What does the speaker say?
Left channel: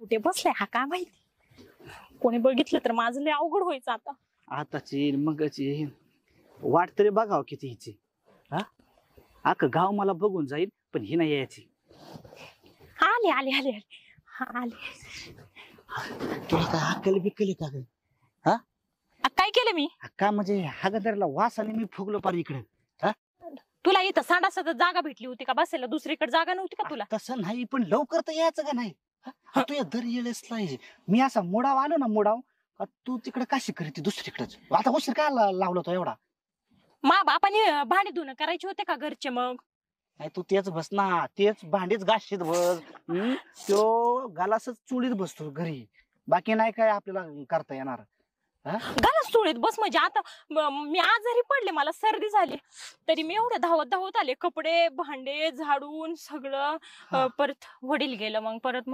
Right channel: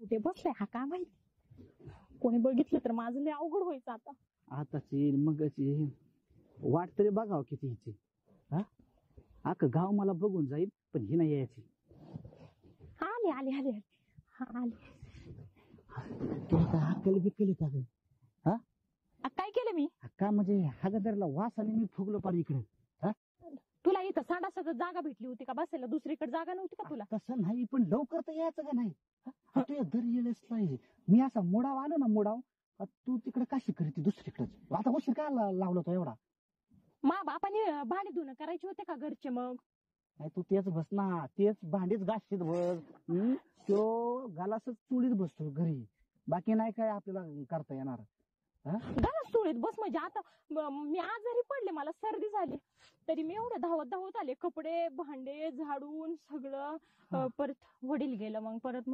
कुठे बसलाय हा काय माहिती, कोणी बघितलं तर माझं लय अवघड व्हायचं आता. आताची मगची वाट तरी बघाव किती हिची. हा अख्खं गाव मला बघून जाईल पण ही नाही यायची. आले आले आले आले हा आले. तुला काय अक्कल बिक्कली का ग? काय केलं मी? का म्हणजे हागदरला वास आणि मी फुगलो पार इकडे. तुला इथं सांडासात जागा भेटली होती का बसायला? दुसरीकडे जागा नव्हती का तुला? तसं नाही पण लवकर तर यायचं का नाही? तू या दर येळेस पाहिजे. मी असा मुडाव आलो ना मुडाव का तू तिकडे काशी करीती दुसरीकडेच. आता उशीर काय लावला तो एवढा? मा बापाने भांडी धुणं करायचे होते का घरचे मग? नाही तू तेच बस ना, तेच भांडीच घासशीत बस. तो गालासच चुलीत बसतो घरी, बाकी नाही काय आपल्याला करता येणार. घालच चोळीत बस म्हणजे आता मी आजारी पडले, मला सर्दी झाली तरी मी एवढं धावत धावत आले, कपडे भांडे झाडून सगळं. परत वडील गेलं, मग परत